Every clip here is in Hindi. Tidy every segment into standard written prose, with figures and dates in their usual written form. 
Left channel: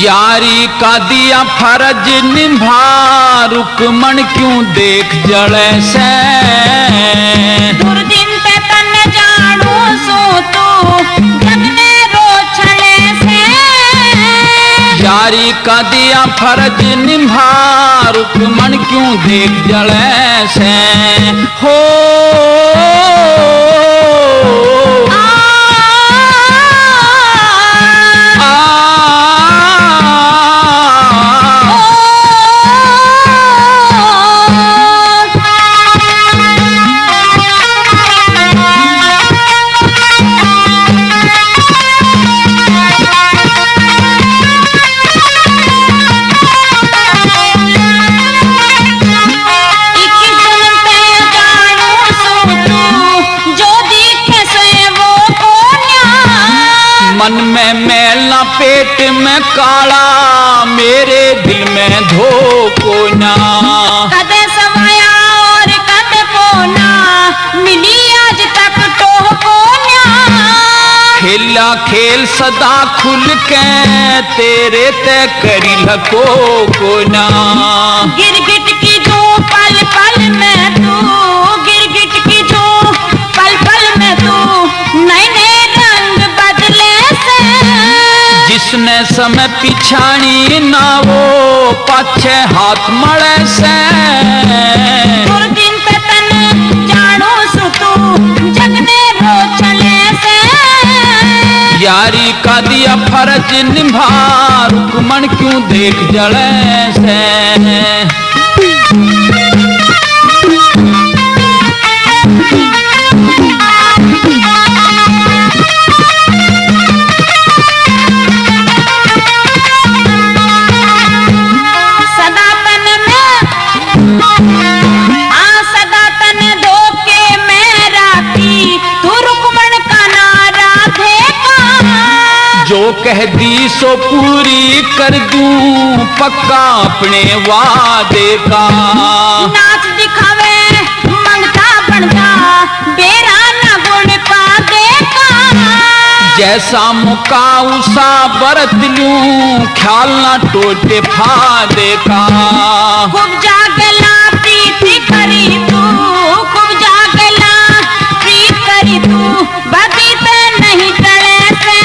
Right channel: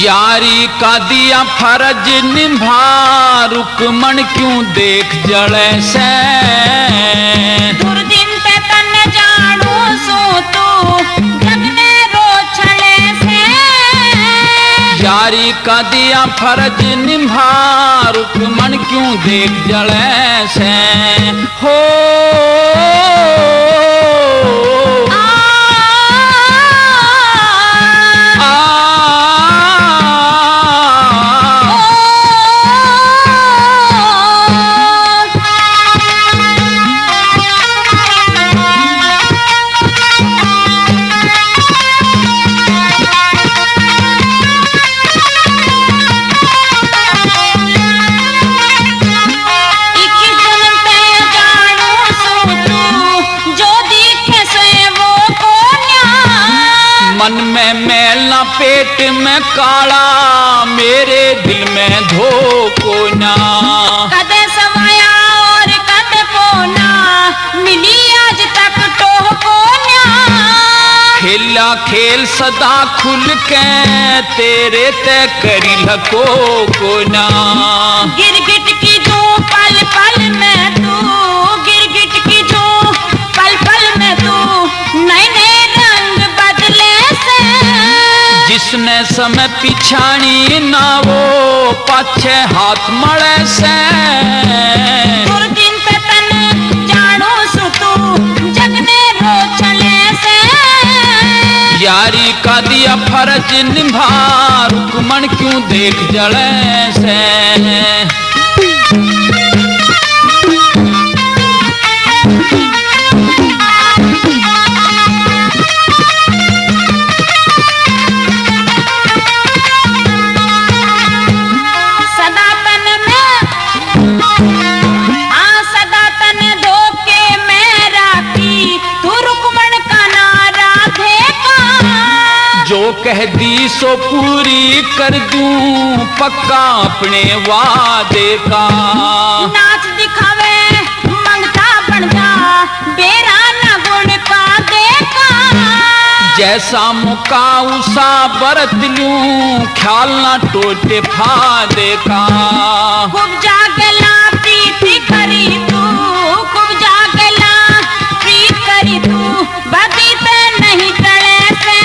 यारी का दिया फर्ज निभा, रुकमन क्यों देख जड़े से। दुर्दिन ते तन्ने जानो सो तू जगने रो छले से। यारी का दिया फर्ज निभा, रुकमन क्यों देख जड़े से। हो मन में मैला पेट में काला, मेरे दिल में धोखो ना। कदे सवाया और कद पोना, मिली आज तक तो कोन्या। खेला खेल सदा खुल के, तेरे ते करी लको को ना। गिरगिट की दो पल पल में तू, गिरगिट की दो पल पल में तू, नए नए रंग बदले से। जिसने समय पिछाणी ना, वो पाछे हाथ मड़े से। दुर्दिन ते तन्ने जानो सो तू जगने रो छले से। यारी का दिया फर्ज निभा, रुकमन क्यों देख जड़े से। जो कह दी सो पूरी कर दूं, पक्का अपने वादे का। नाच दिखावे मंगता बन जा, बेरा न गुण पा देखा। जैसा मुका उसा बरत लूं, ख्याल ना टोटे फादे का। खूब जागला प्रीति करी तू, खूब जागला प्रीति करी तू, बाकी तो नहीं टले से।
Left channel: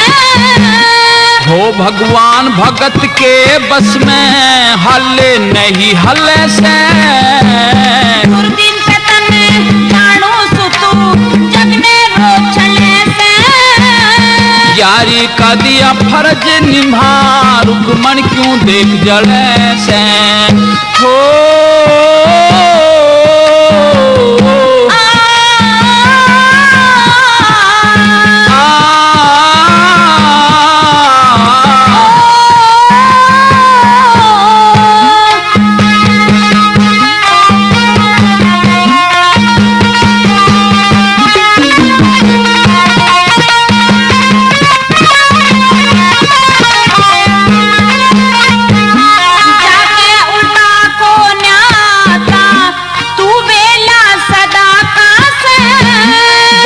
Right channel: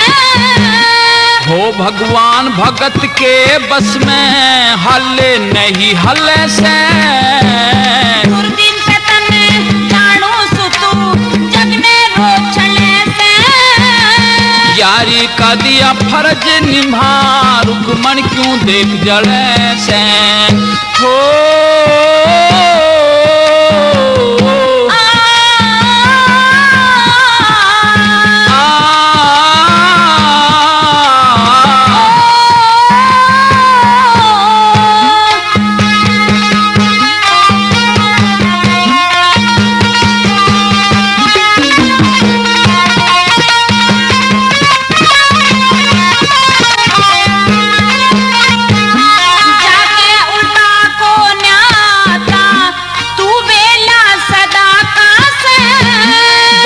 हो भगवान भगत के बस में, हले नहीं हले से। दुर्दिन ते तन्ने जानो सो तू जगने रो छले से। यारी का दिया फर्ज निभा, रुकमन क्यों देख जड़े से। हो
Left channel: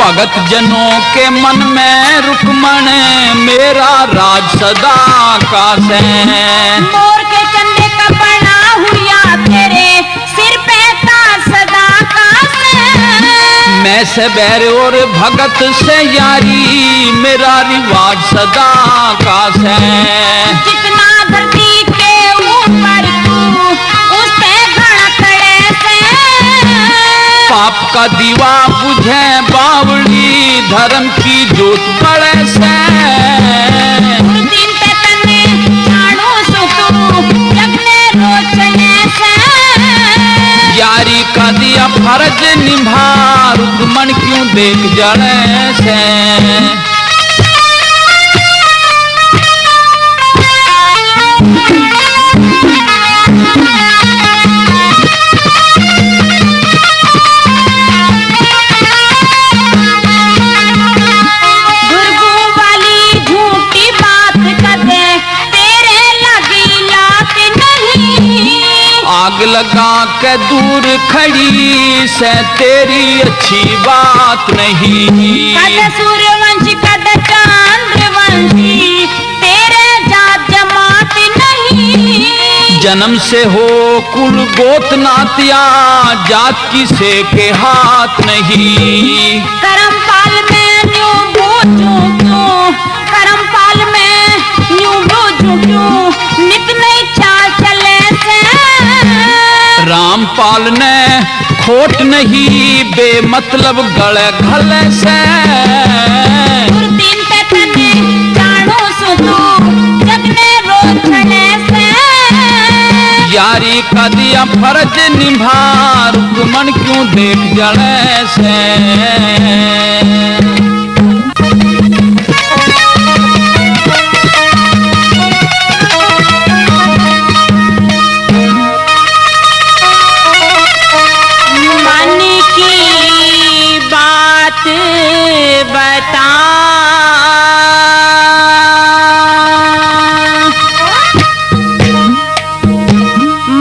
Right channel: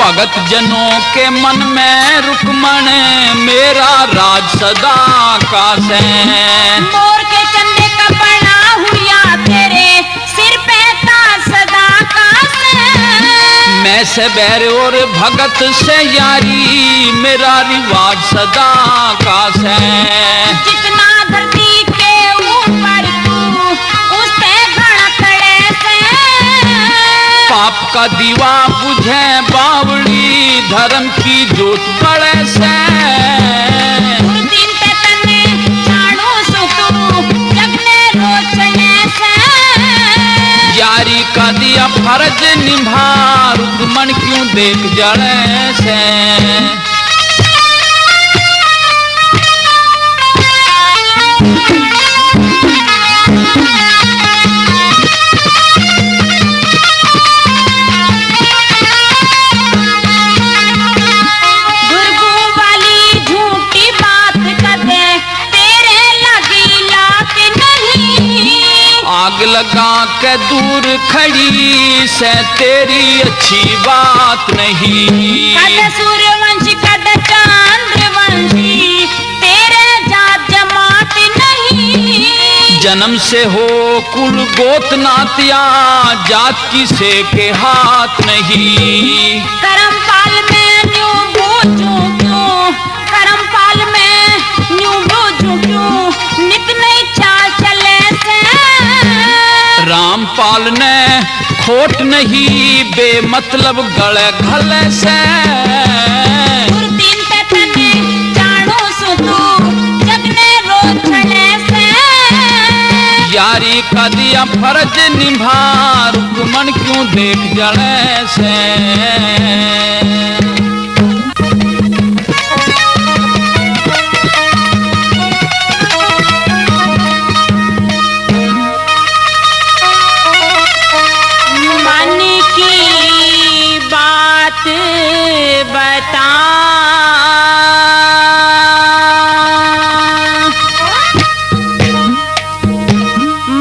भगत जनों के मन में रुकमन, मेरा राज सदा का से। मोर के चंदे का बना हुआ तेरे सिर पे ताज सदा का से। मैं से बैर और भगत से यारी, मेरा रिवाज सदा का से। जितना धरती के ऊपर तू, उससे घड़ा खड़े से। पाप का दीवा बुझे बावड़ी, धर्म की जोत बड़े से। दुर्दिन ते तन्ने जानो सो तू जगने रो छले से। यारी का दिया फर्ज निभा, रुकमन क्यों देख जड़े से। लगा के दूर खड़ी से तेरी अच्छी बात नहीं। कद सूर्यवंशी कद चंद्रवंशी तेरे जात जमात नहीं। जन्म से हो कुल गोत नातिया जात किसे के हाथ नहीं। करमपाल में न्यू बूझू क्यों, करमपाल में न्यू बूझू क्यों, नित नई चाल चले से। रामपाल ने खोट नहीं बेमतलब गले घले से। दूरबीन पे तने जानो सुतू जगने रोज चले से। यारी का दिया फर्ज निभा रुकमन क्यों देख जले से। मन की बात बता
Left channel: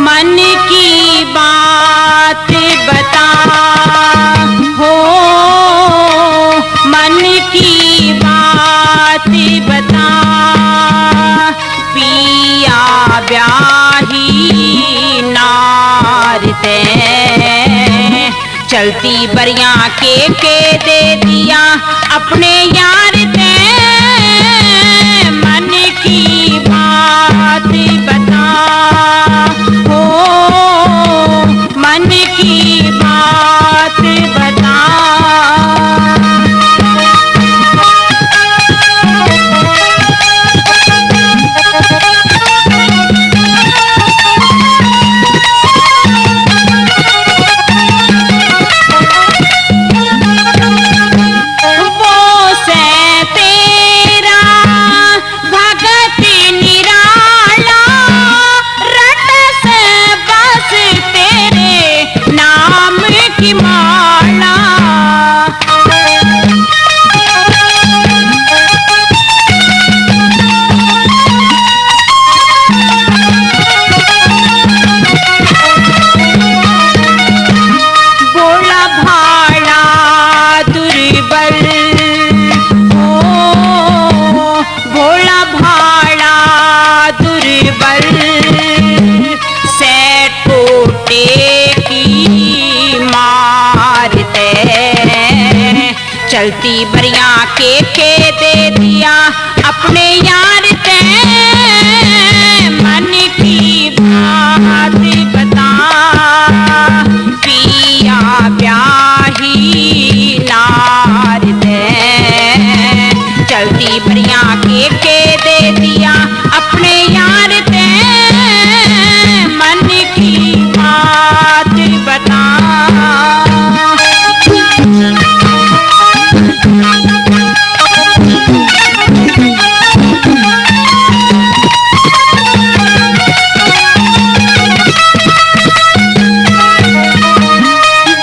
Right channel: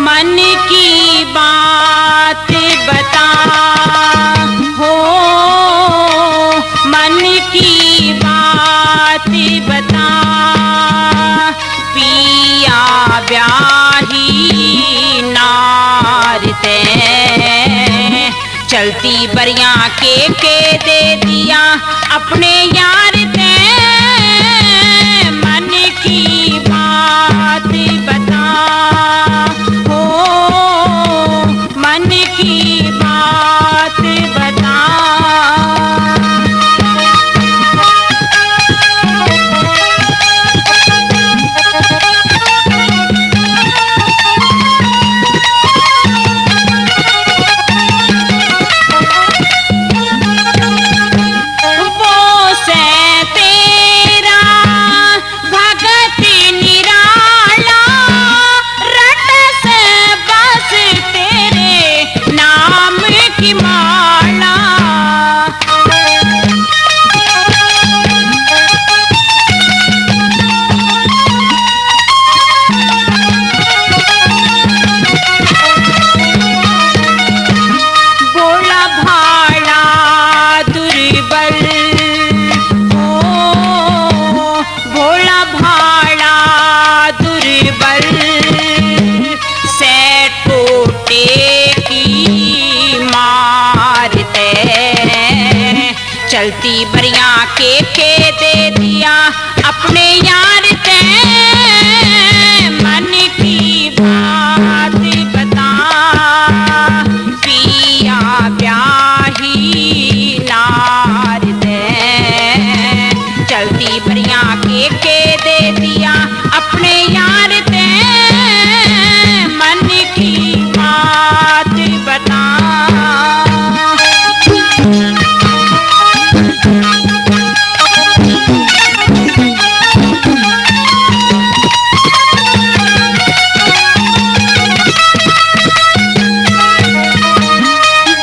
मन की बात बता हो मन की बात बता पिया ब्याही नार ते चलती बरिया के दे दिया अपने यार ते। मन की बात बता हो मन की बात बता। वो से तेरा भगत निराला रट से बस तेरे नाम की माला। बोला भाड़ा दुर्बल हो भोला भाड़ा दुर्बल से टोटे की मारते। चलती बरिया के दे दिया अपने यार ते। मन की बात बता पिया ब्याही नार ते चलती बरिया के दे दिया अपने यार ते। मन की बात बता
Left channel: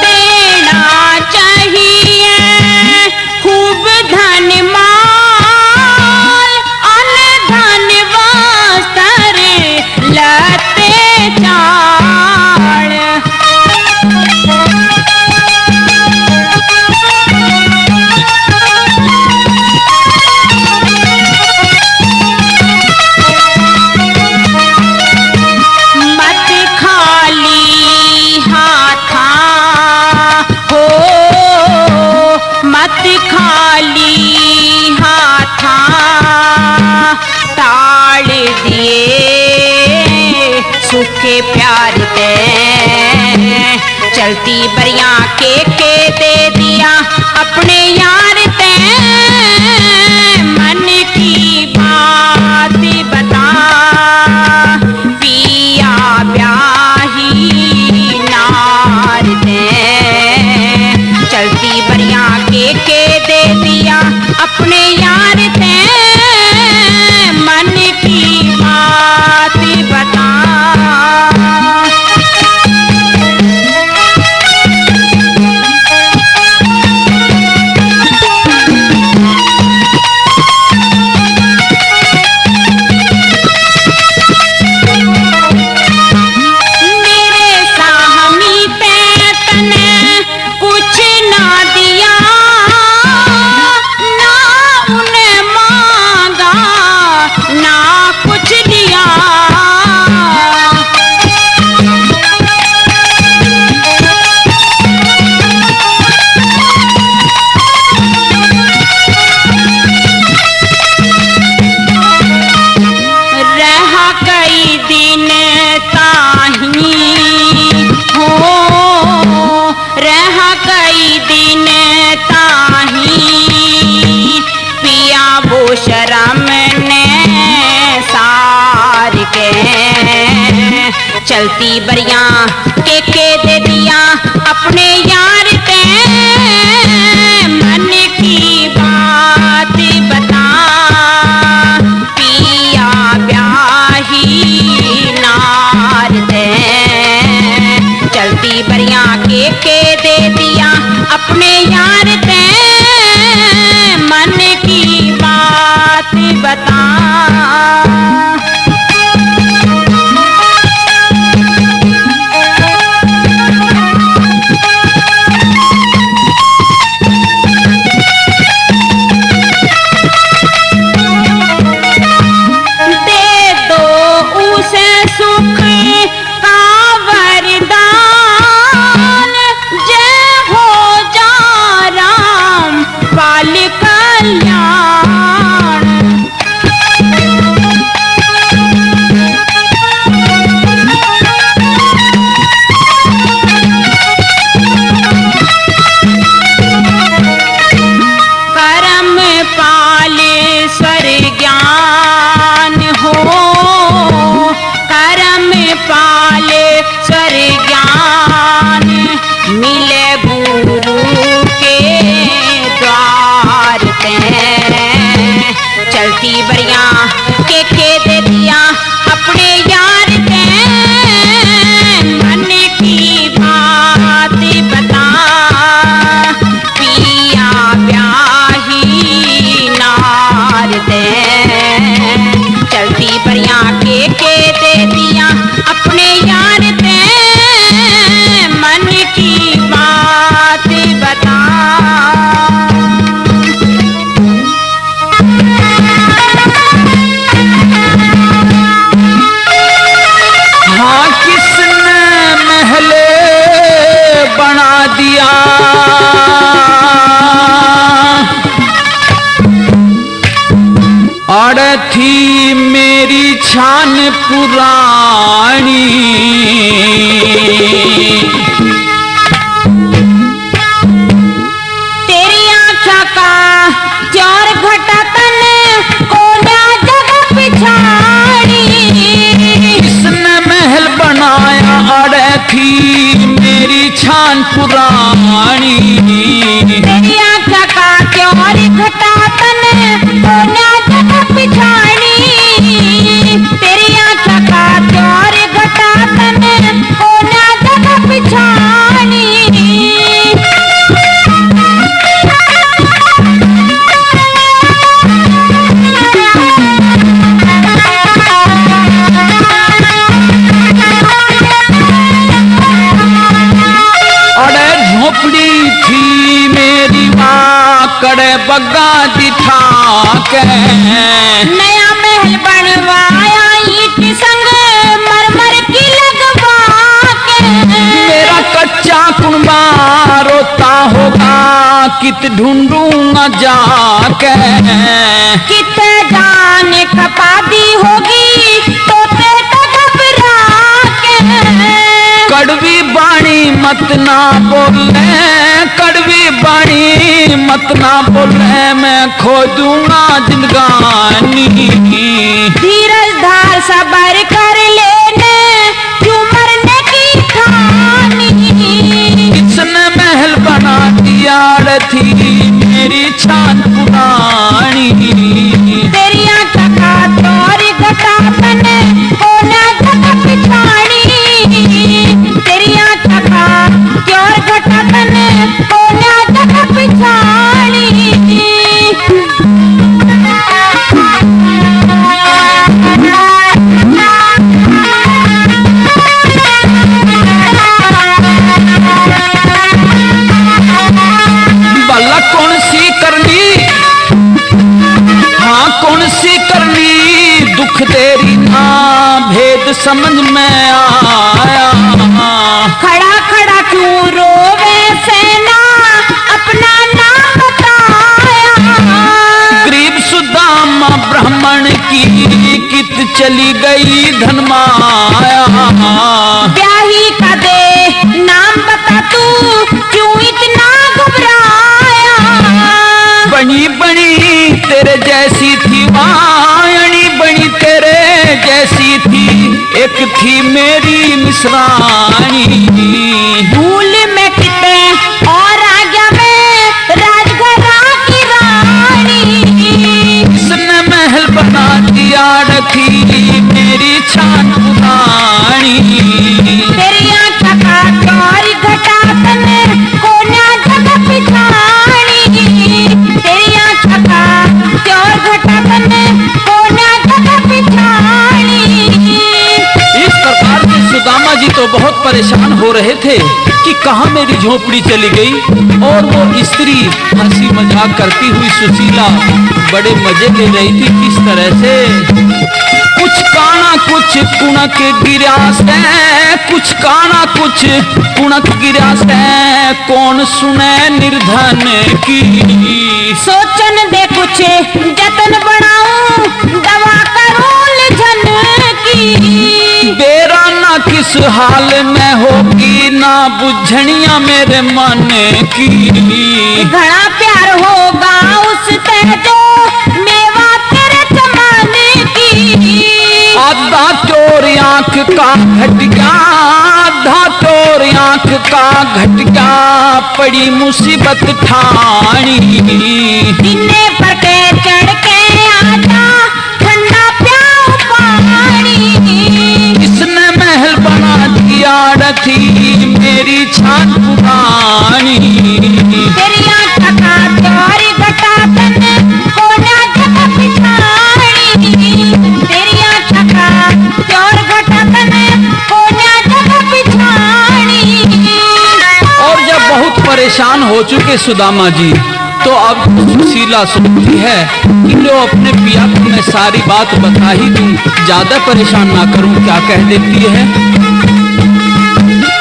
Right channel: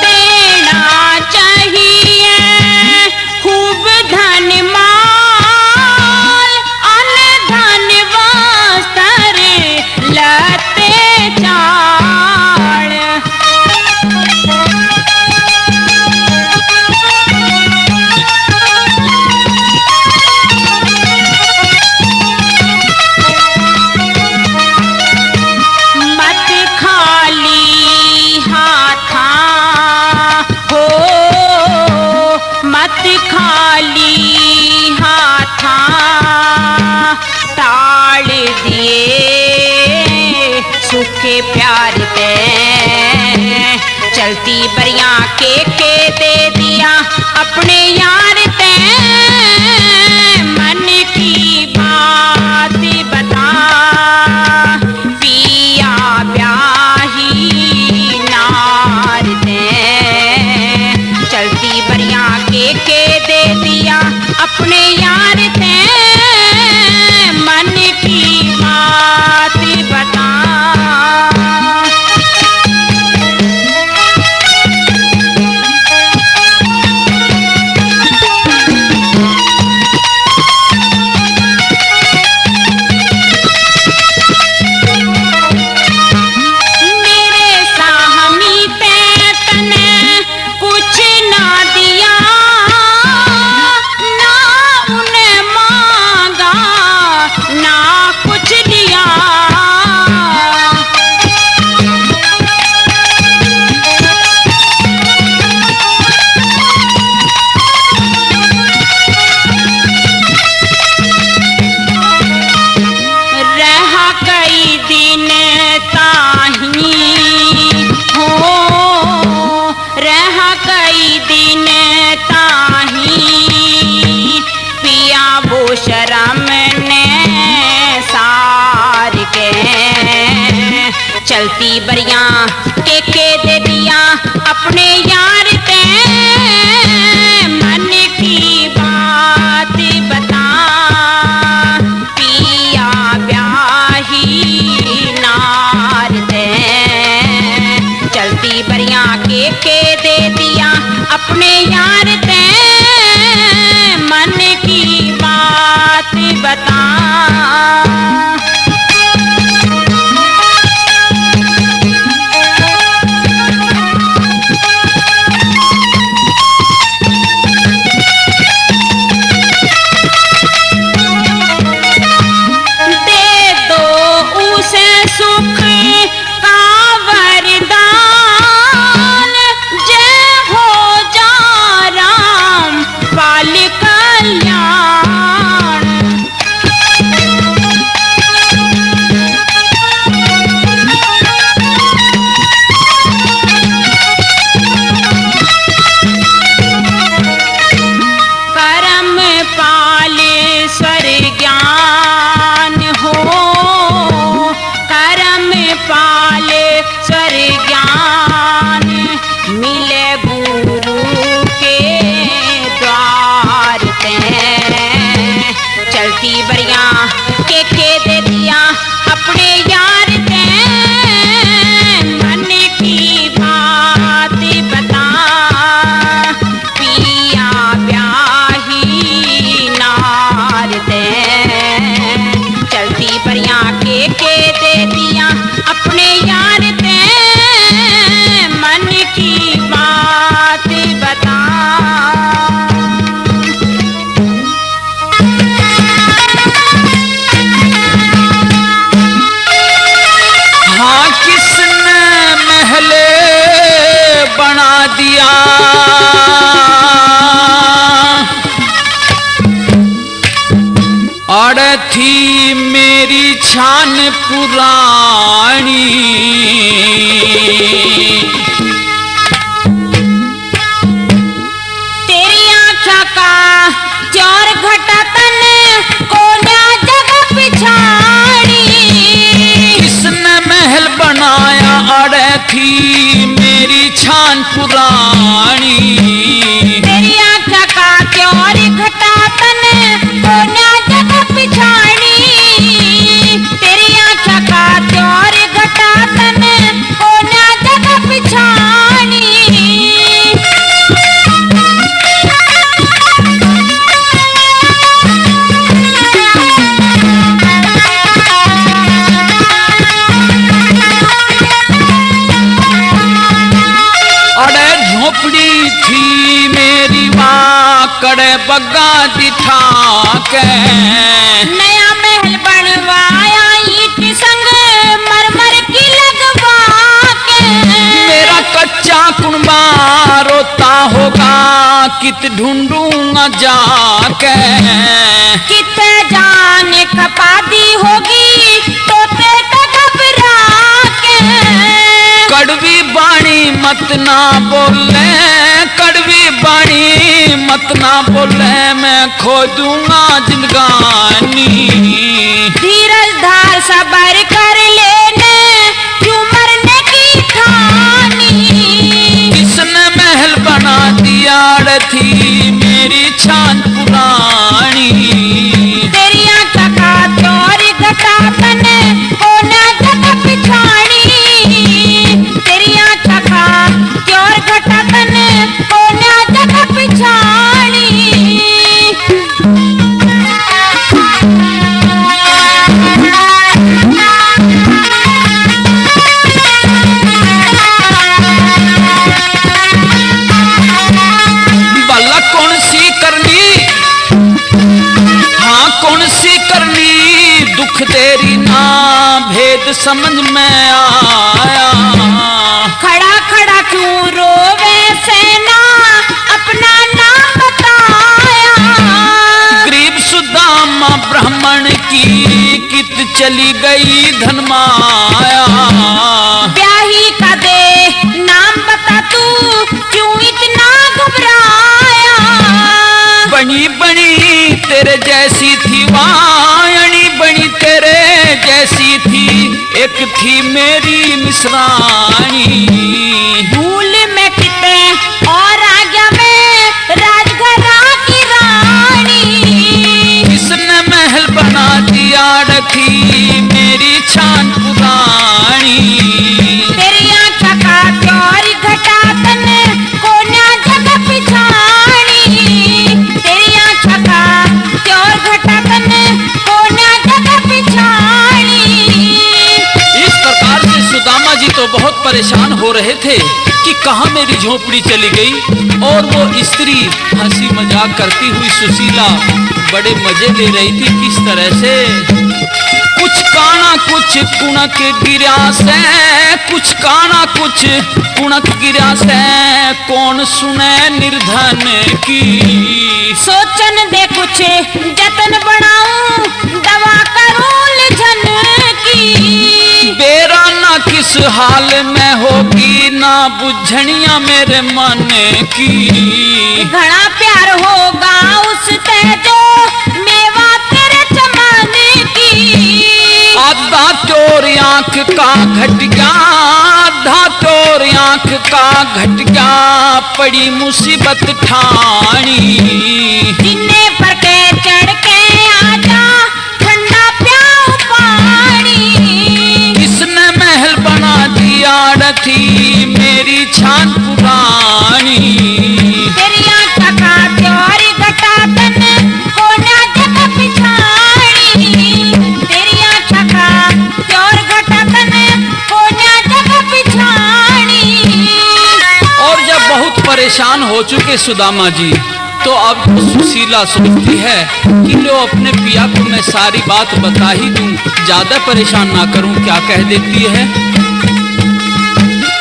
देना चाहिए खूब धन माल अन धन वस्त्र लते चाल। मत खाली हाथा हो मत खाली हाथा टाल दिए सूखे प्यार ते। चलती बरिया के दे दिया अपने यार ते। मन की बात बता पिया ब्याही नार ते चलती बरिया के दे दिया अपने यार ते। मन की बात बता चलती बरिया के दे दिया अपने यार ते मन की बात बता पिया ब्याही नार दे चलती बरिया के दे दिया अपने यार ते मन की बात बता चलती बरिया के दे दिया अपने यार के मन की बात बता पिया ब्याही नार दे चलती बरिया के दे दिया अपने यार के मन की बात बता थी मेरी छान पुरानी तेरी आँखा का चार घटा तन कोना जगह पिछाड़ी किसने महल बनाया अड़े थी मेरी छान पुरानी तेरी आँखा का चार घटा तन कोना पिछाड़ी तेरी आँखा का चार घटा तन कोना जगह पिछाड़ी अरे झोपड़ी थी मेरी माँ कड़े बग्गा दिखा के नया महल बनवाया ईट संग मरमर की लगवा के मेरा कच्चा कुनबा रोता होगा कित ढूंढूंगा जाके कित जाने खपादी होगी तोते तो घबरा के कड़वी बाणी मत ना बोले कड़वी बाणी मत ना बोले मैं खो दूंगा जिंदगानी धीरज धार सबर कर लेने क्यों मरने की ठानी किसने महल बना दिया थी मेरी छान पुरानी तेरी आँखा का चार घटा तन कोना जगह पिछाड़ी तेरी आँखा का चार घटा तन कोना जगह पिछाड़ी भला कौन सी करनी हाँ कौन सी करनी दुख तेरी ना भेद समझ में आया खड़ा खड़ा क्यों रोवे सेना अपना नाम बताया गरीब सुदामा ब्राह्मण की कित चली गई धन माया ब्याही का दे नाम बता तू क्यों इतना घबराया बनी बनी तेरे जैसी थी वाणी बनी तेरे जैसी थी एक थी मेरी मिसरानी, भूल में किते और आ गया मैं राजघरां की रानी। किसने महल बना दिया रखी मेरी छान पुरानी। तेरी आँखों का प्यार घटा तने कोना जगह पिछानी। तेरी आँखों का प्यार घटा तने कोना जगह पिछानी। इस प्रकार से सुदामा जी तो बहुत परेशान हो रहे थे कि कहाँ मेरी झोपड़ी चली गई। और वो स्त्री हंसी मजाक करती हुई सुशीला बड़े मजे ले रही थी। किस तरह से कुछ काना कुछ कुणक गिरा से, कुछ काना कुछ कुणक गिरा से, कौन सुने निर्धन की। सोचन दे कुछ जतन बनाऊं दवा करूं झन की। बेरा ना किस हाल में होगी ना बुझनिया मेरे मन की। घड़ा प्यार होगा उससे जो मेवा तेरे जमाने की। आधा तोर आंख का घट गया, आधा तोर आंख का घट गया, पड़ी मुसीबत ठानी। सीने पर के चढ़ के आजा ठंडा प्याऊ पानी। किसने महल बना दिया रखी मेरी छान पुरानी। तेरी आँखों का प्यार घटा तने कोना जगह पिछानी। तेरी आँखों का प्यार घटा तने कोना जगह पिछानी। और जब बहुत परेशान हो चुके सुदामा जी तो अब सुशीला सोचती है कि लो अपने पिया को मैं सारी बात बता ही दूं, ज्यादा परेशान ना करूं। क्या कह देती है,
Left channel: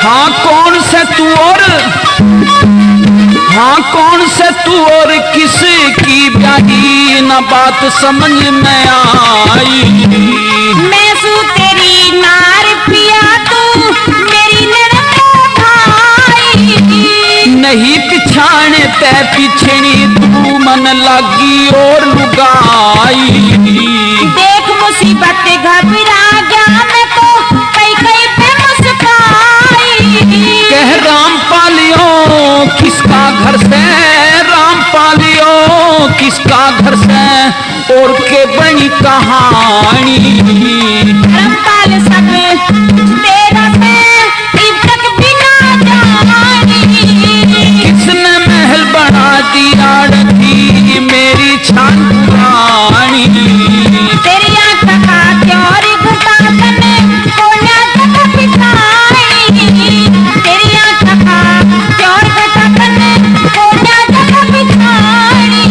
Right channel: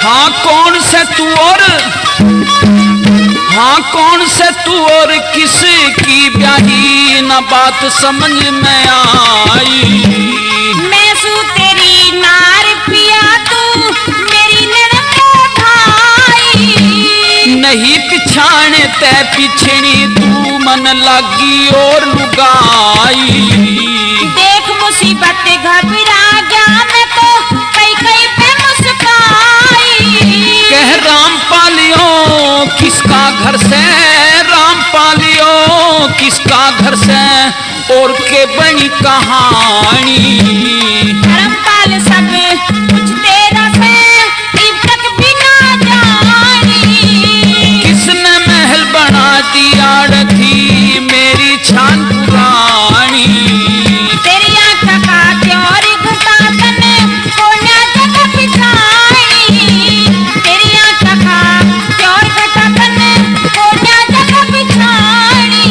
हाँ कौन से तू और, हाँ कौन से तू और किस की ब्याही न बात समझ में आई। मैं सू तेरी नार पिया तू मेरी ननद भाई। नहीं पिछाने ते पिछड़ी तू मन लागी और लुगाई। देख मुसीबत घबरा गया मैं तो कई कई पे मुस्काई। कह राम पालियो किसका घर से, राम पालियो किसका घर से, और के बनी कहानी। धर्मपाल सब कुछ तेरा से इब तक बिना जानी। किसने महल बना दिया रखी मेरी छान पुरानी। तेरी आँखों का प्यार घटा तने कोना जगह पिछानी। तेरी आँखों का प्यार घटा तने कोना जगह पिछानी।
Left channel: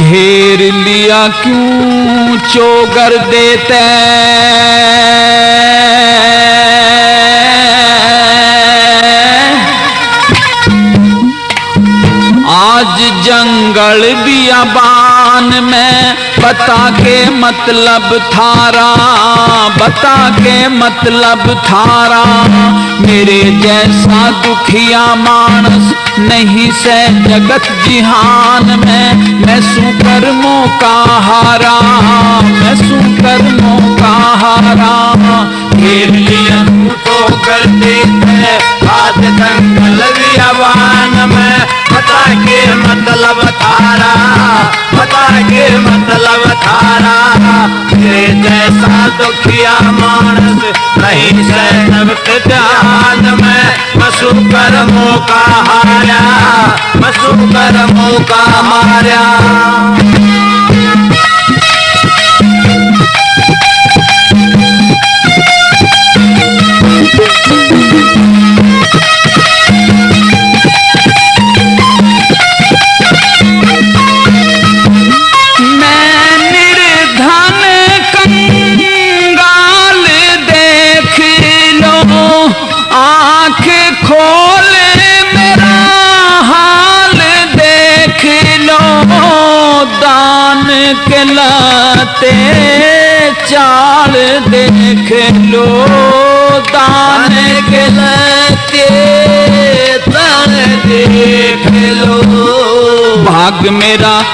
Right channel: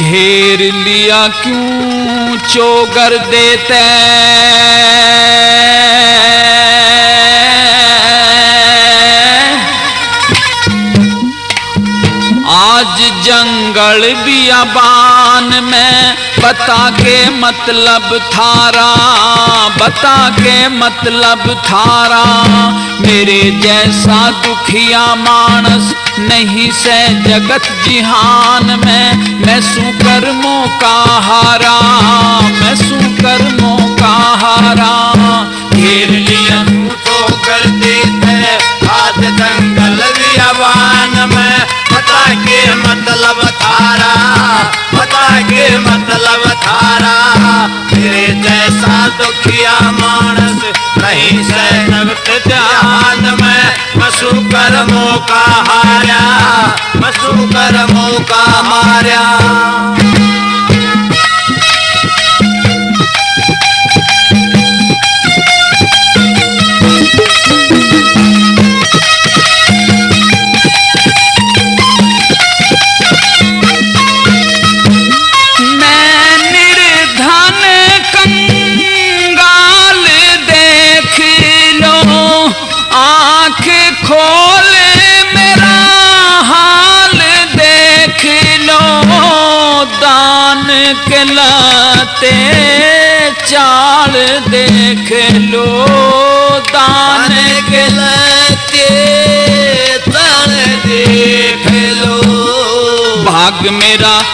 घेर लिया क्यों चोगर देते, आज जंगल बियाबान में बता के मतलब थारा, बता के मतलब थारा। मेरे जैसा दुखिया मानस नहीं से जगत जिहान में। मैं सू कर्मों का हारा, मैं सू कर्मों का हारा। घेर लिया तो कर देते आज जंगल बियाबान में, बता के मतलब थारा, बता के मतलब थारा। मेरे जैसा दुखिया मानस नहीं से जगत ध्यान में। मसू कर्मों का हारा, मसू कर्मों का मारा। खोल मेरा हाल देख लो।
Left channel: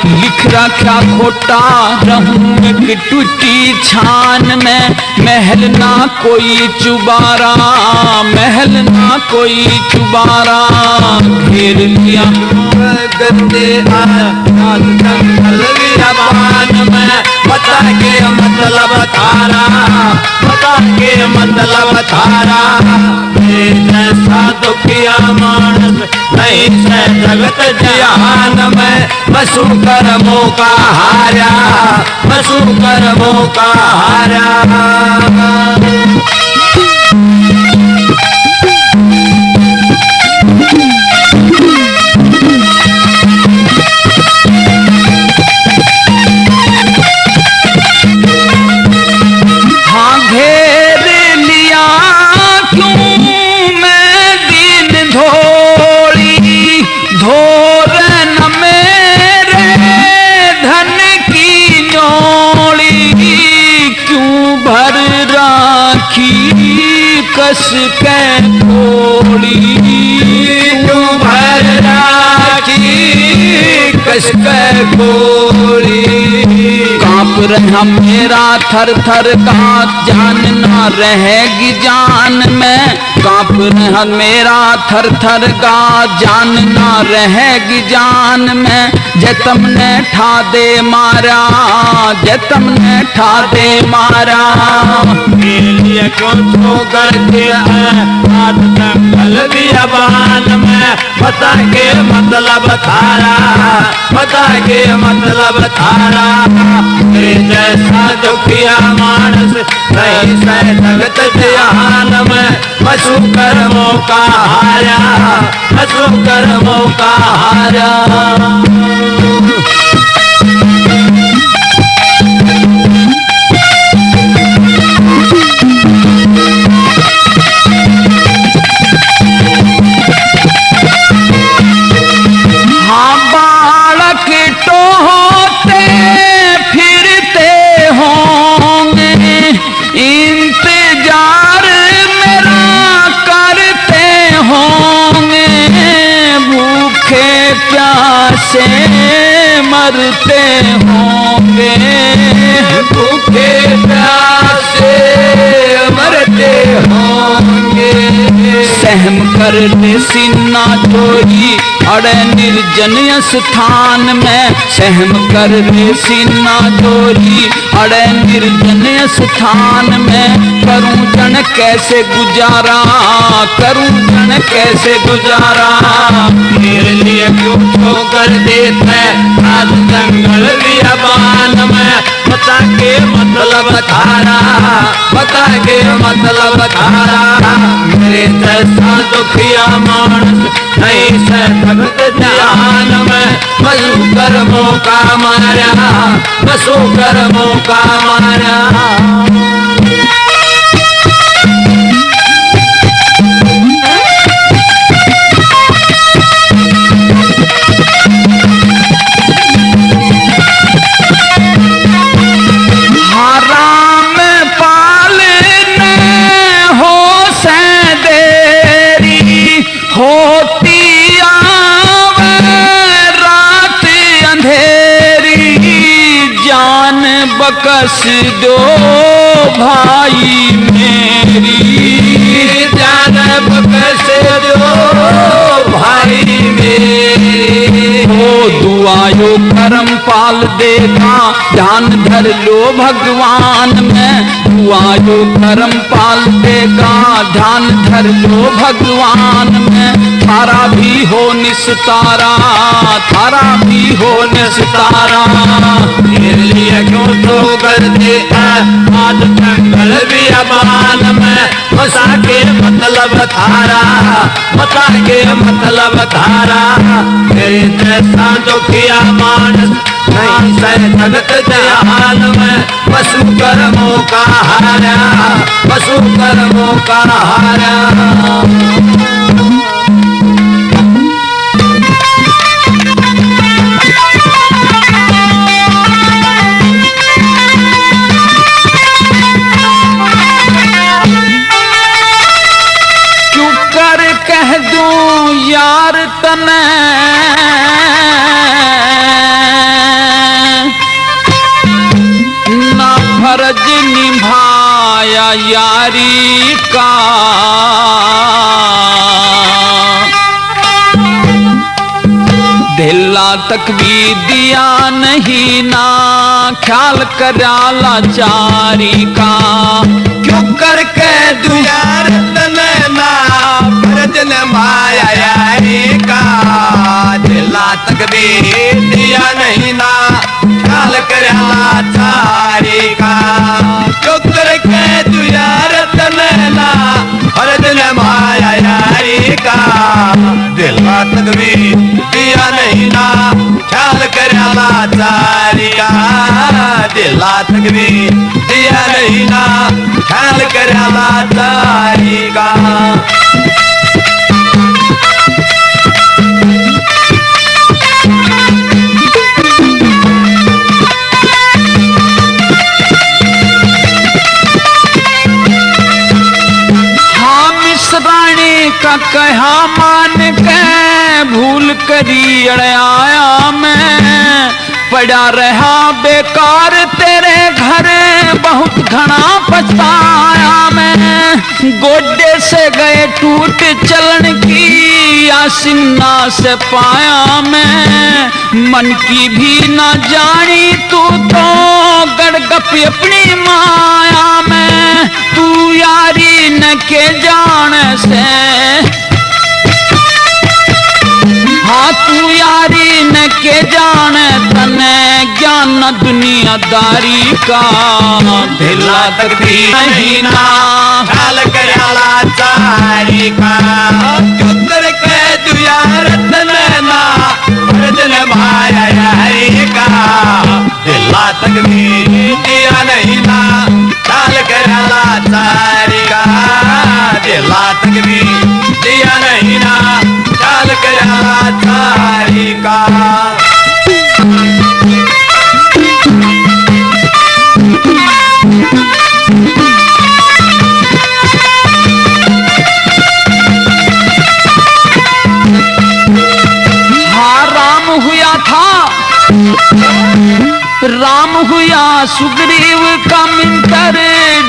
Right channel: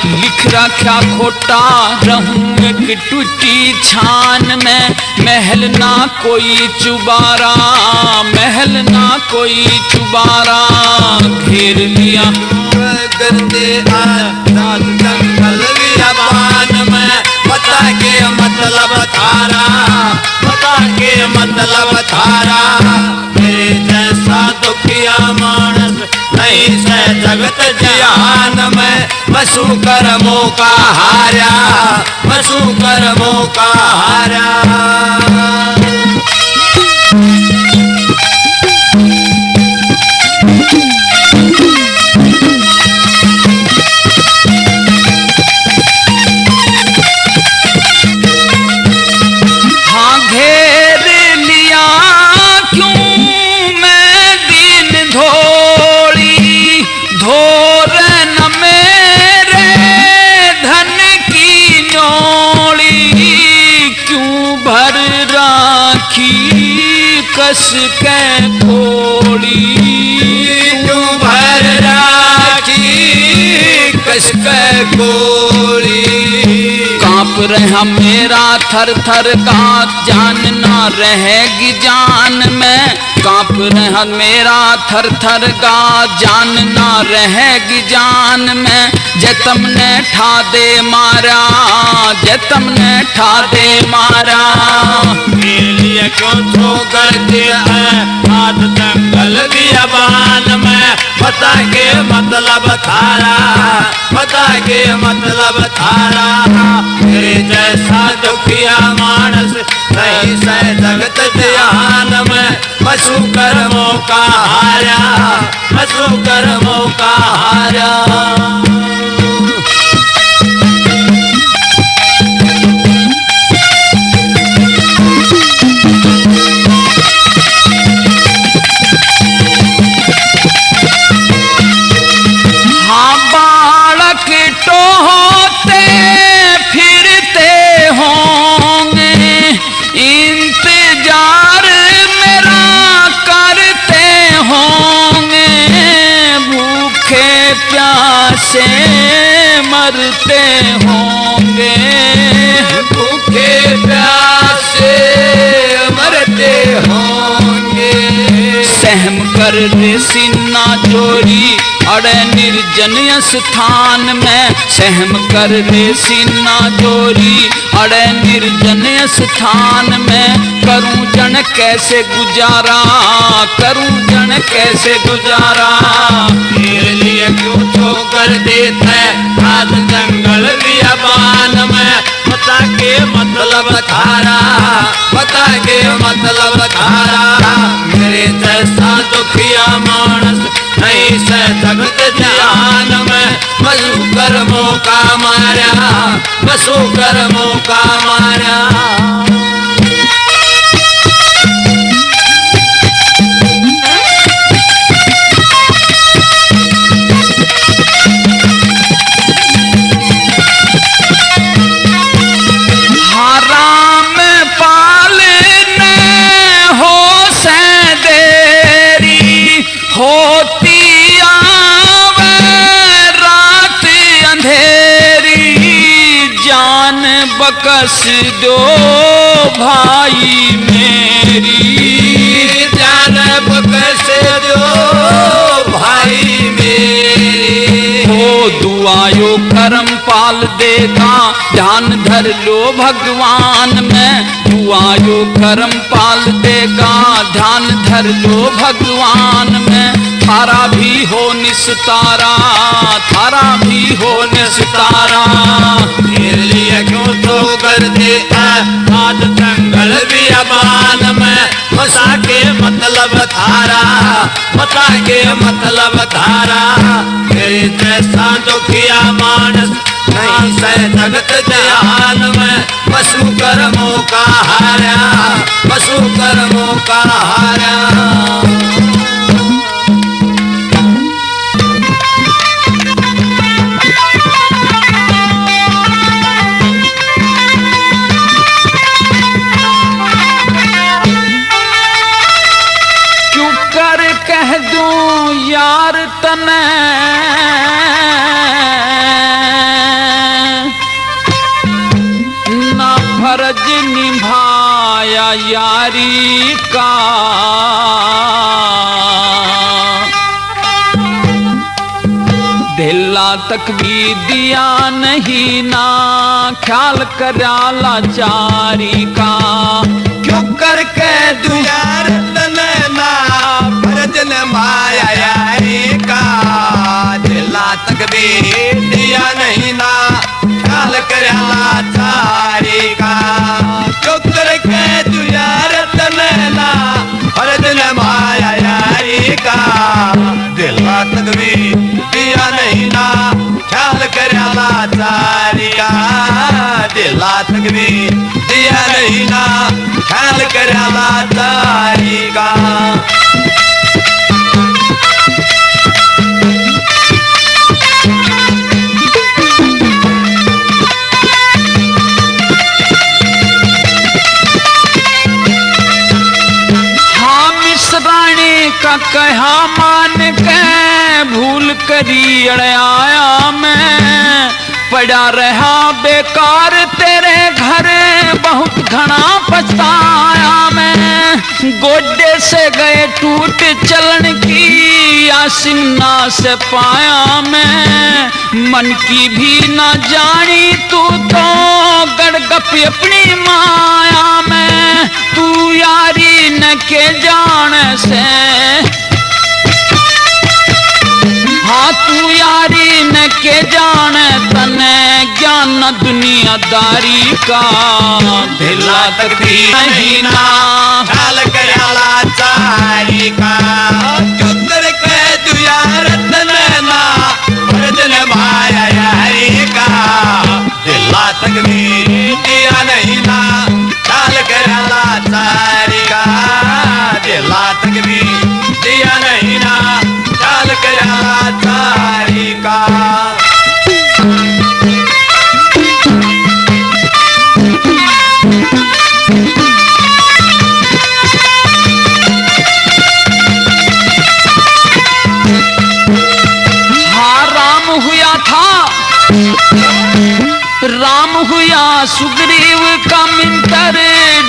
लिख रखा खोटा रहूं एक टूटी छान में, महल ना कोई चुबारा, महल ना कोई चुबारा, घेर लिया गंदे जंगल बियाबान में, बता के मतलब थारा, बता के मतलब थारा, तेरे जैसा दुखिया मानस नहीं से जगत जहान में, बसु कर्मों का हारा, बसु कर्मों का हारा। कस के थोड़ी तू भर राखी कस के गोली, कांप रहा मेरा थर थर का जान ना रहेगी जान में, कांप रहा मेरा थर थर का जान ना रहेगी जान में, जतम ने ठा दे मारा, जतम ने ठा दे मारा, लिए क्यों छो करते आप जंगल बियाबान में, बता के मतलब थारा, बता के मतलब थारा, तेरे जैसा दुखिया मानस नहीं से जगत जहान में, पशु कर्मों का हारा, पशु कर्मों का हारा। से मरते होंगे, भूखे प्यासे मरते होंगे, सहम कर सीना जोड़ी अड़े निर्जन स्थान में, सहम कर सीना जोड़ी अड़े निर्जन स्थान में, करूं जन कैसे गुजारा, करूं जन कैसे गुजारा, तेरे लिए क्यों छो कर देते आज जंगल बियाबान में, बता के मतलब थारा, बता के मतलब थारा, मेरे जैसा दुखिया मानस नहीं से जगत जहान में, बसु कर्मों का मारा, बसु कर्मों का मारा। होती आवे रात अंधेरी, जान बकस दो भाई मेरी, जान बकस दो भाई मेरी, हो दुआयो करम पाल देगा, ध्यान धर लो भगवान में, दुआयो करम पाल देगा, ध्यान धर लो भगवान में, थारा भी हो निस्तारा, थारा भी हो निस्तारा, तेरे लिए क्यों तो कर दे आज जंगल बियाबान में, बता के मतलब थारा, बता के मतलब थारा, तेरे जैसा दुखिया मानस नहीं से जगत जहान में, पशु कर्मों का हारा, पशु कर्मों का हारा। कह दूं यार तने यारी का। दिला तक भी दिया नहीं ना ख्याल करा लाचारी का। क्यों करके दुयार तनना भरजन माया यारी का। दिला तक भी दिया नहीं ना ख्याल करा लाचारी का। क्यों करके दुयार तनना भरजन माया यारी का। दिला तक भी दिया नहीं ना ख्याल करा लाचारी का। दिला तक भी दिया नहीं ना ख्याल करा लाचारी का। रानी का कहा मान के भूल करी अड़ाया मैं। पड़ा रहा बेकार तेरे घर बहुत घना पछताया मैं। गोड्डे से गए टूट चलन की आसिन्ना से पाया मैं। मन की भी न जानी तू तो गड़गप अपनी माया में। तू यारी न के जान से हाँ तू यारी न के जान तने ज्ञान दुनियादारी का। दिला तक भी नहीं ना ख्याल करा लाचारी का। चुतर के दुयार तनना भरजन माया यारी का। दिला तक भी दिया नहीं ना ख्याल करा लाचारी का। दिला तक भी दिया नहीं ना ख्याल करा लाचारी का। राम हुआ सुग्रीव का मिंटर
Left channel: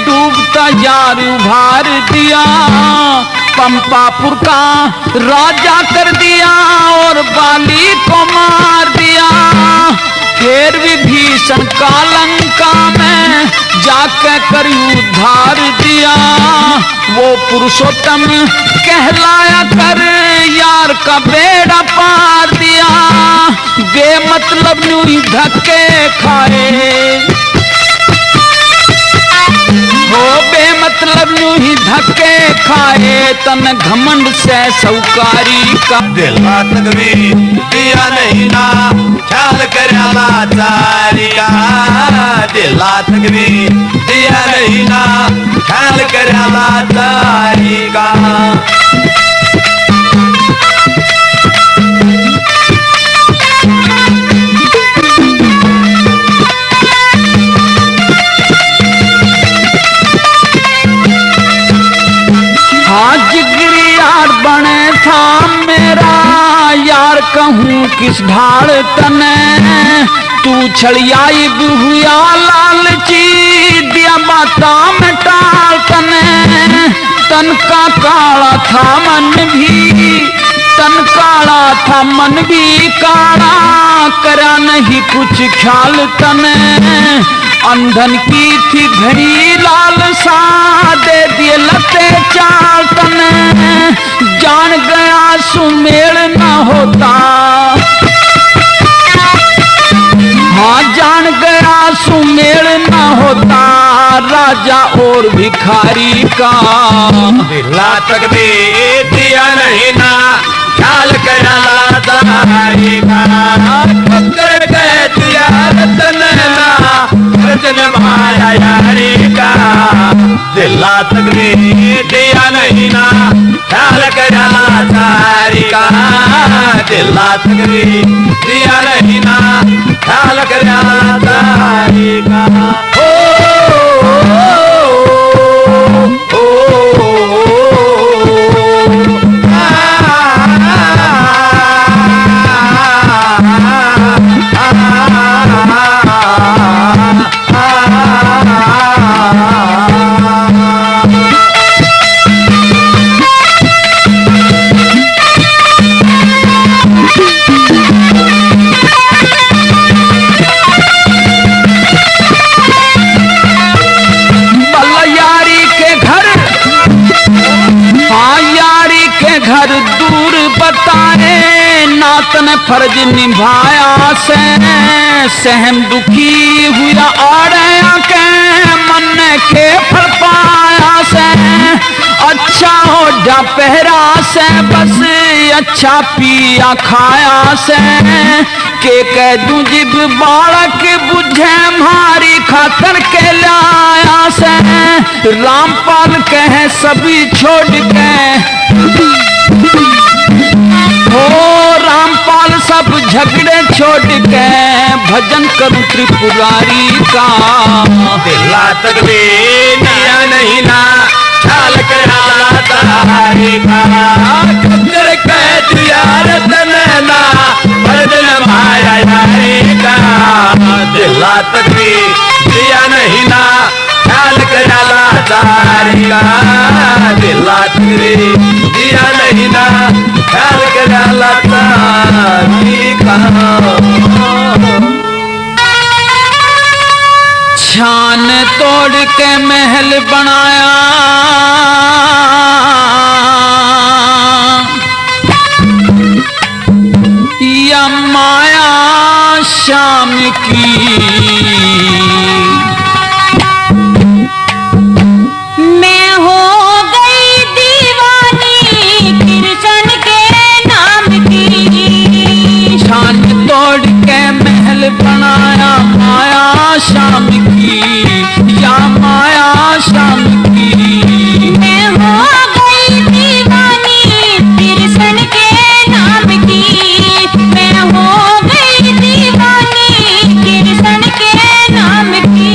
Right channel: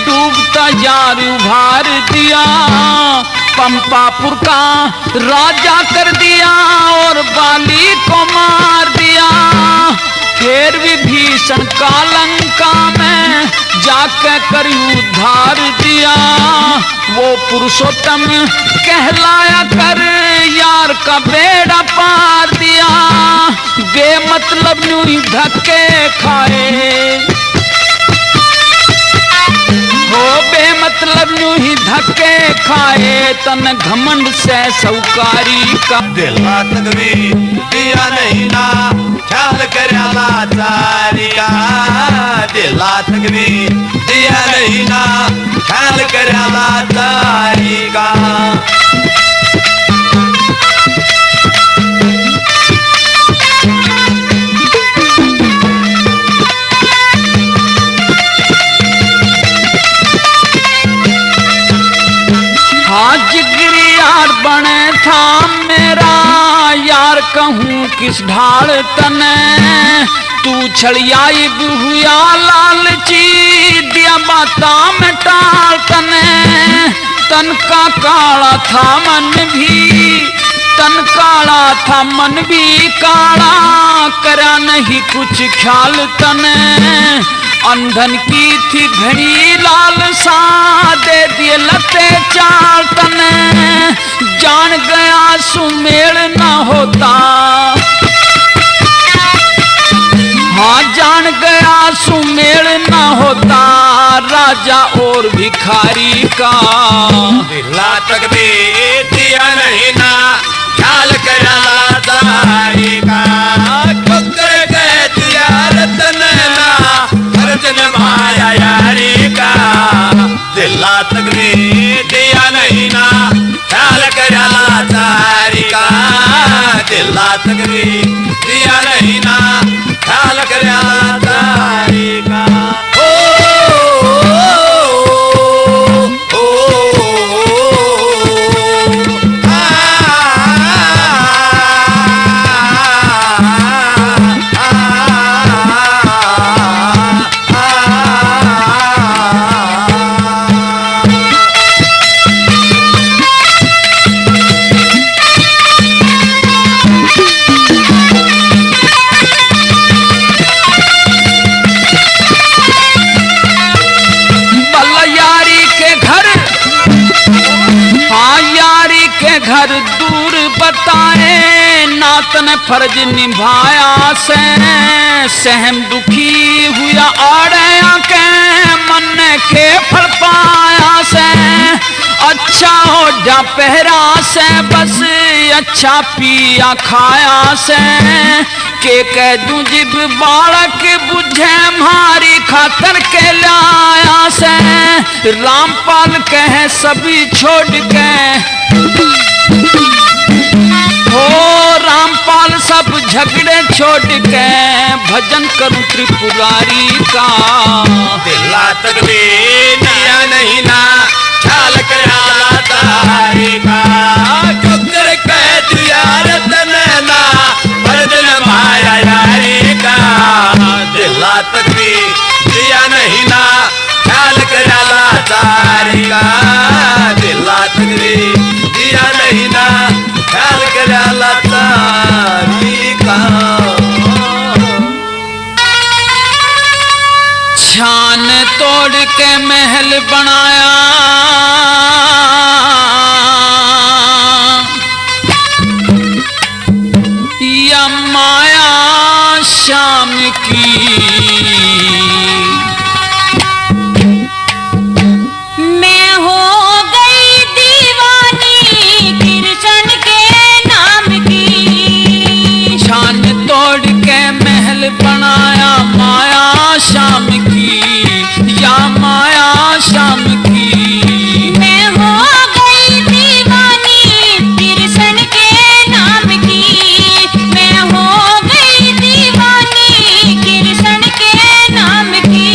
डूबता यार उभार दिया। पंपापुर का राजा कर दिया और बाली को मार दिया। फिर विभीषण का लंका में जाके कर उद्धार दिया। वो पुरुषोत्तम कहलाया कर यार का बेड़ा पार दिया। बेमतलब न्यू ही धक्के खाए हो बेमतलब न्यू ही धक्के खाए तन घमंड से सौकारी का। दिला तक भी दिया नहीं ना ख्याल करा लाचारी का। दिला तक भी दिया नहीं ना ख्याल करा लाचारी का। कहूँ किस ढाल तने तू छड़ियाई हुआ लालची दिया बाता में टाल तने। तन का काला था मन भी तन काला था मन भी काला करा नहीं कुछ ख्याल तने। अंधन की थी घड़ी लाल सा दे दिए लते चाल तने। जान गया सुमेल न होता हाँ जान गया सुमेल न होता राजा और भिखारी का। दिला तक भी दिया नहीं ना ख्याल करा लाचारी का। पत्थर के दिया रतन ना भरजन माया यारी का। दिला तक भी दिया नहीं ना ख्याल करा लाचारी का। दिला तक भी दिया नहीं ना ख्याल करा लाचारी का। ओ तने फर्ज निभाया से सहम दुखी हुआ और के मन के फल पाया से अच्छा हो जा पहरा से बस अच्छा पिया खाया से के कह दूं जिब बालक बुझे मारी खातर के लाया से रामपाल कहे सभी छोड़ के हो रामपाल सब झगड़े छोड़ के भजन करूं त्रिपुरारी का दिला तक दिया नहीं ना ख्याल करा तारी का कदर कह दिया रतन ना बदन माया यारी का दिला तक दिया नहीं ना ख्याल करा तारी का दिला तक दिया नहीं ना ख्याल करा तारी का छान तोड़ के महल बनाया या माया शाम की मैं हो गई दीवानी कृष्ण के नाम की। छान तोड़ के महल बनाया माया शाम की या माया शाम की मैं हो गई दीवानी कृष्ण के नाम की। मैं हो गई दीवानी कृष्ण के नाम की।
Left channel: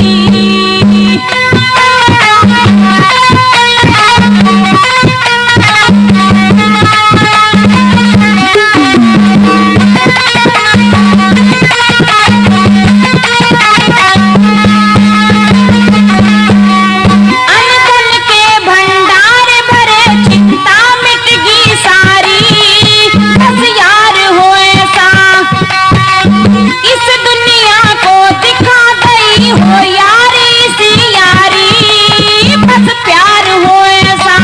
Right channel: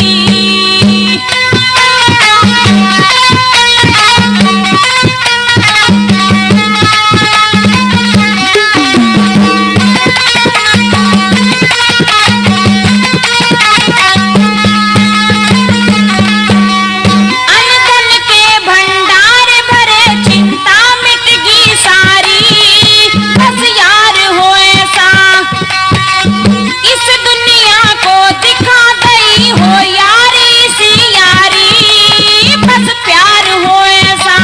अनधन के भंडार भरे चिंता मिट गई सारी। बस यार हो ऐसा इस दुनिया को दिखा गई हो यारी सी यारी। बस प्यार हो ऐसा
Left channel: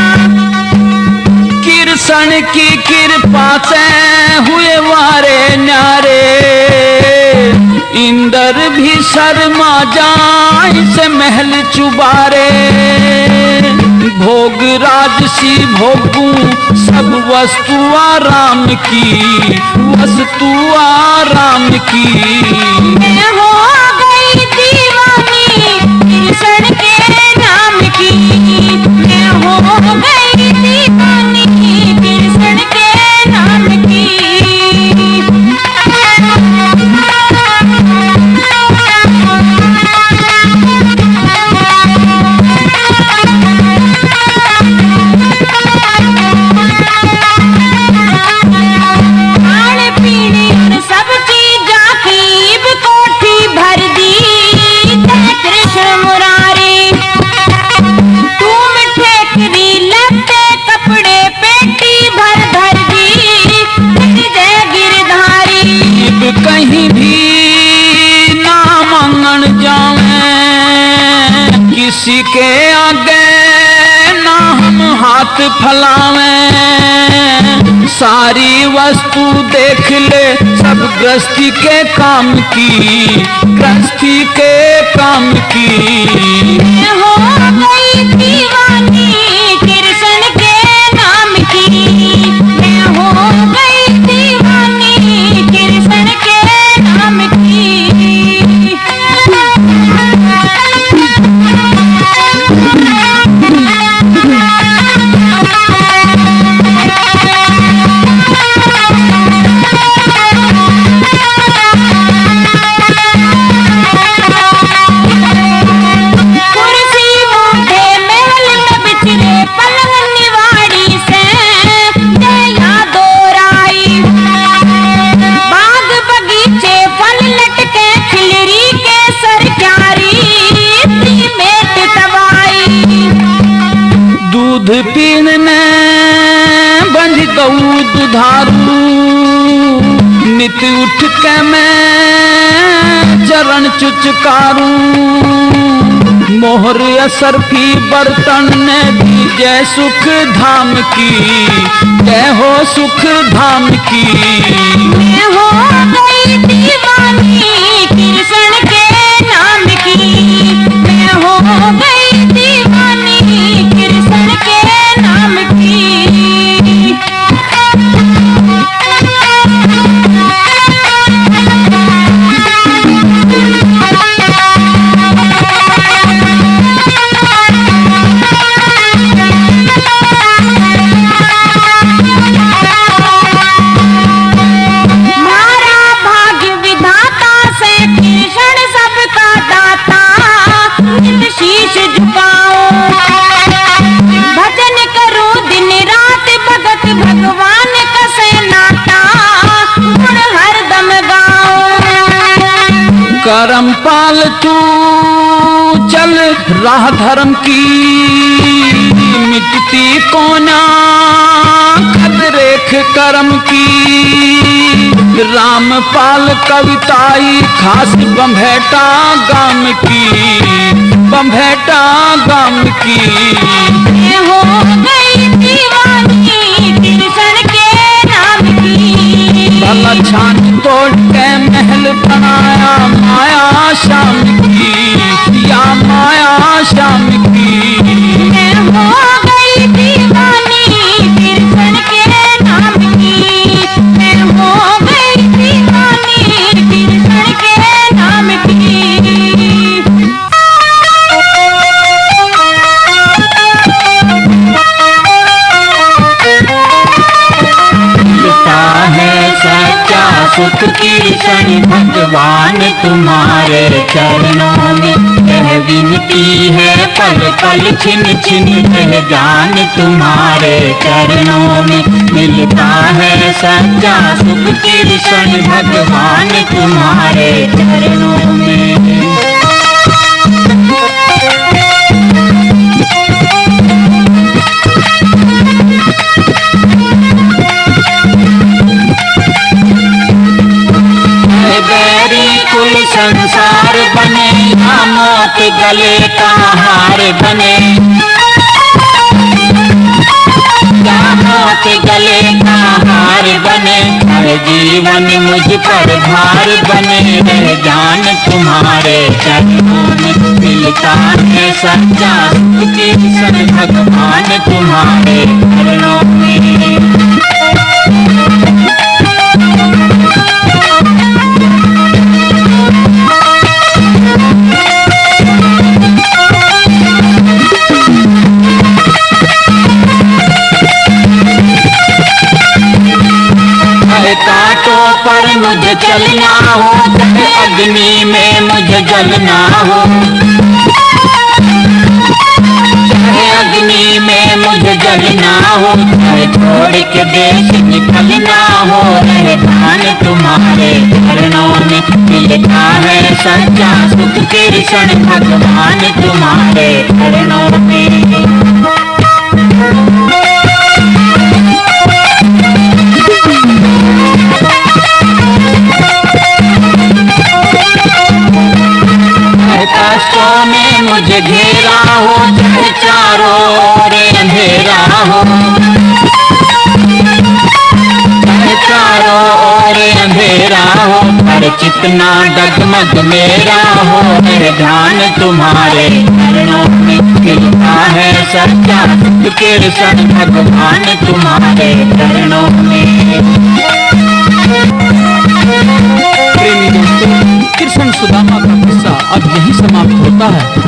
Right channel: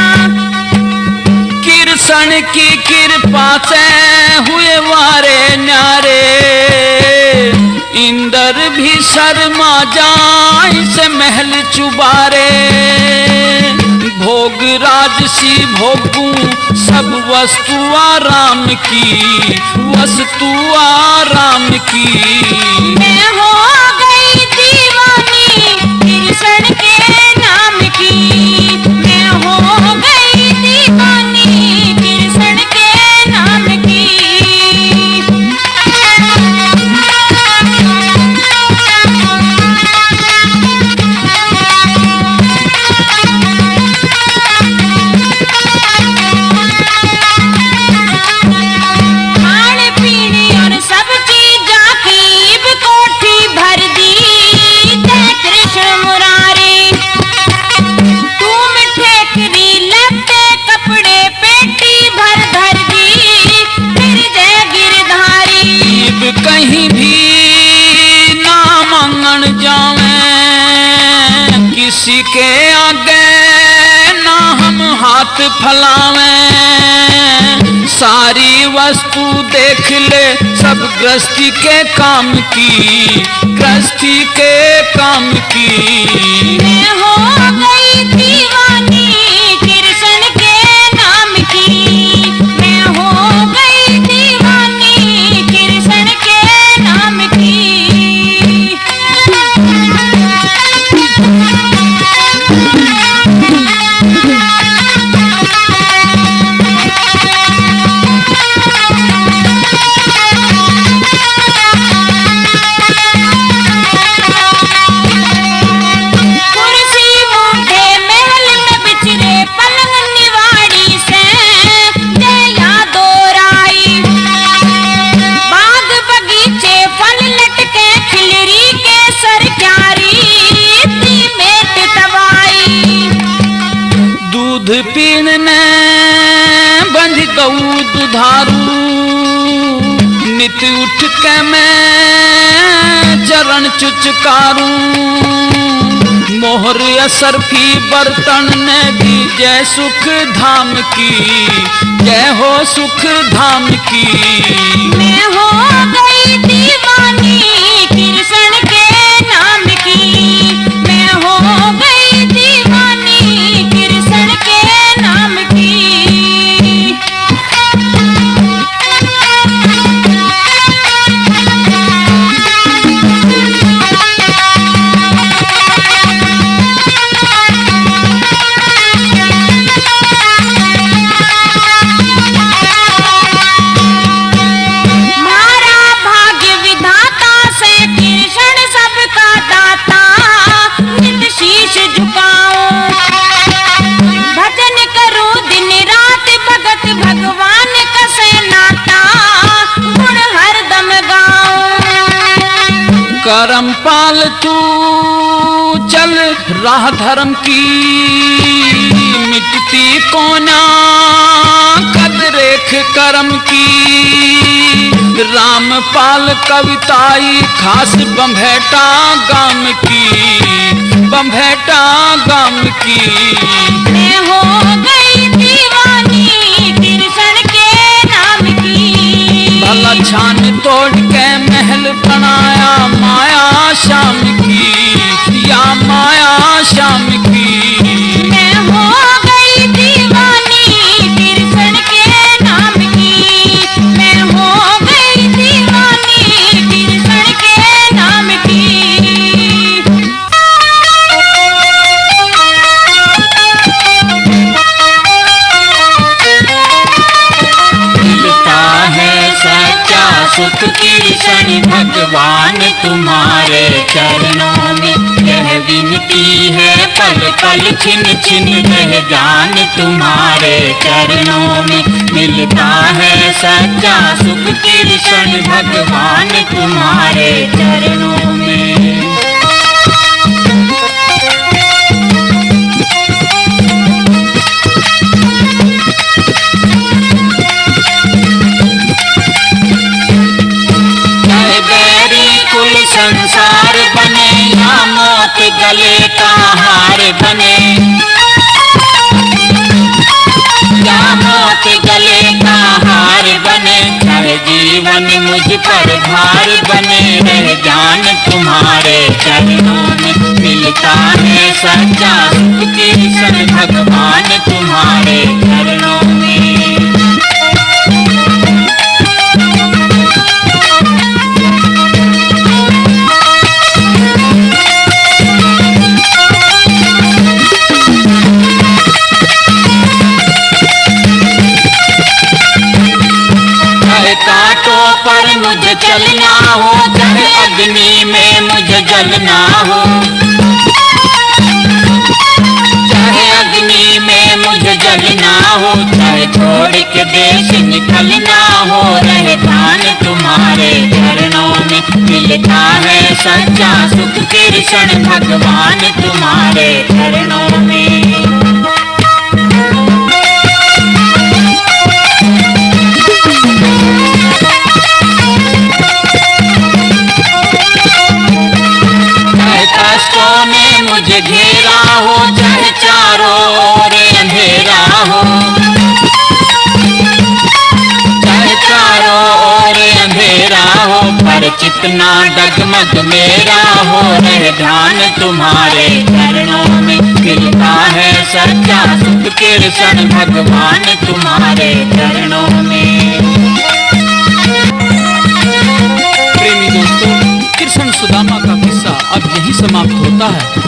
कृष्ण की कृपा से हुए वारे न्यारे इंद्र भी शर्मा जाए से महल चुबारे भोग राजसी भोगू सब वस्तु आराम की वस्तु आराम की। मैं हो गई दीवानी कृष्ण के नाम की। मैं हो गई दीवानी कृष्ण के नाम की। खाने पीने और सब चीज़ों की कोठी भर दी। जय कृष्ण मुरारी तू मिठे करी लत्ते कपड़े पेटी भर धर दी। फिर जय गिरधारी अब कहीं भी ना मांगन जावे किसी के आगे ना हम हाथ फैलावे सारी वस्तु देख ले सब गृहस्थी के काम की गृहस्थी के काम की। मैं हो गई दीवानी कृष्ण के नाम की। मैं हो गई दीवानी कृष्ण के नाम की। कुर्सी मूठे महल न बिछरे पलंग निवाड़ी से जय यादो राई। बाग बगीचे फल लटके खिलरी के सर क्यारी मेट तवाई। दूध पीने बंध दऊ दुधारू नित उठ के मैं चरण चुचकारू मोहर असरफी बर्तन में भी जय सुख धाम की जय हो सुख धाम की। मैं भगवान कसे नाता गुण हरदम गाओ। करम पाल तू चल राह धर्म की, मिटती कोना कद रेख करम की। रामपाल कविताई खास बम्भेटा गाम की, बम्भेटा गाम की। मैं हो गई दीवानी तिरसन के नाम की। भला छान तोड़ के महल बनाया माया शाम की, या माया शाम की। मैं हो गई दीवानी तिरसन के नाम की। मैं हो गई दीवानी तिरसन के नाम की। मिलता है सच्चा सुख तिरसन भगवान तुम्हारे चरणों में। यह विनती है पल पल छिन छिन रह जान तुम्हारे चरणों में। मिलता है सच्चा सुख तिरसन भगवान तुम्हारे चरणों में। कुल संसार बने या मौत गले का हार बने, या मौत गले का हार बने। हर जीवन मुझ पर भार बने रह जान तुम्हारे चरणों में। मिलता है सच्चा सुख तिरसन भगवान तुम्हारे चरणों में। कांटों पर मुझे चलना हो, चाहे अग्नि में मुझे जलना हो, चाहे अग्नि में मुझे जलना हो, चाहे छोड़ के देश निकलना हो, रह जान तुम्हारे चरणों में। मिलता है सच्चा सुख तिरसन भगवान तुम्हारे चरणों में। कष्टों ने मुझे घेरा हो, चाहे चारों ओर अंधेरा हो, चाहे चारों ओर अंधेरा हो, पर चितना डगमग मेरा हो, रह जान तुम्हारे चरणों में। मिलता है सच्चा सुख तिरसन भगवान तुम्हारे चरणों में। प्रेमी दोस्तों, कृष्ण सुदामा का किस्सा अब यहीं समाप्त होता है।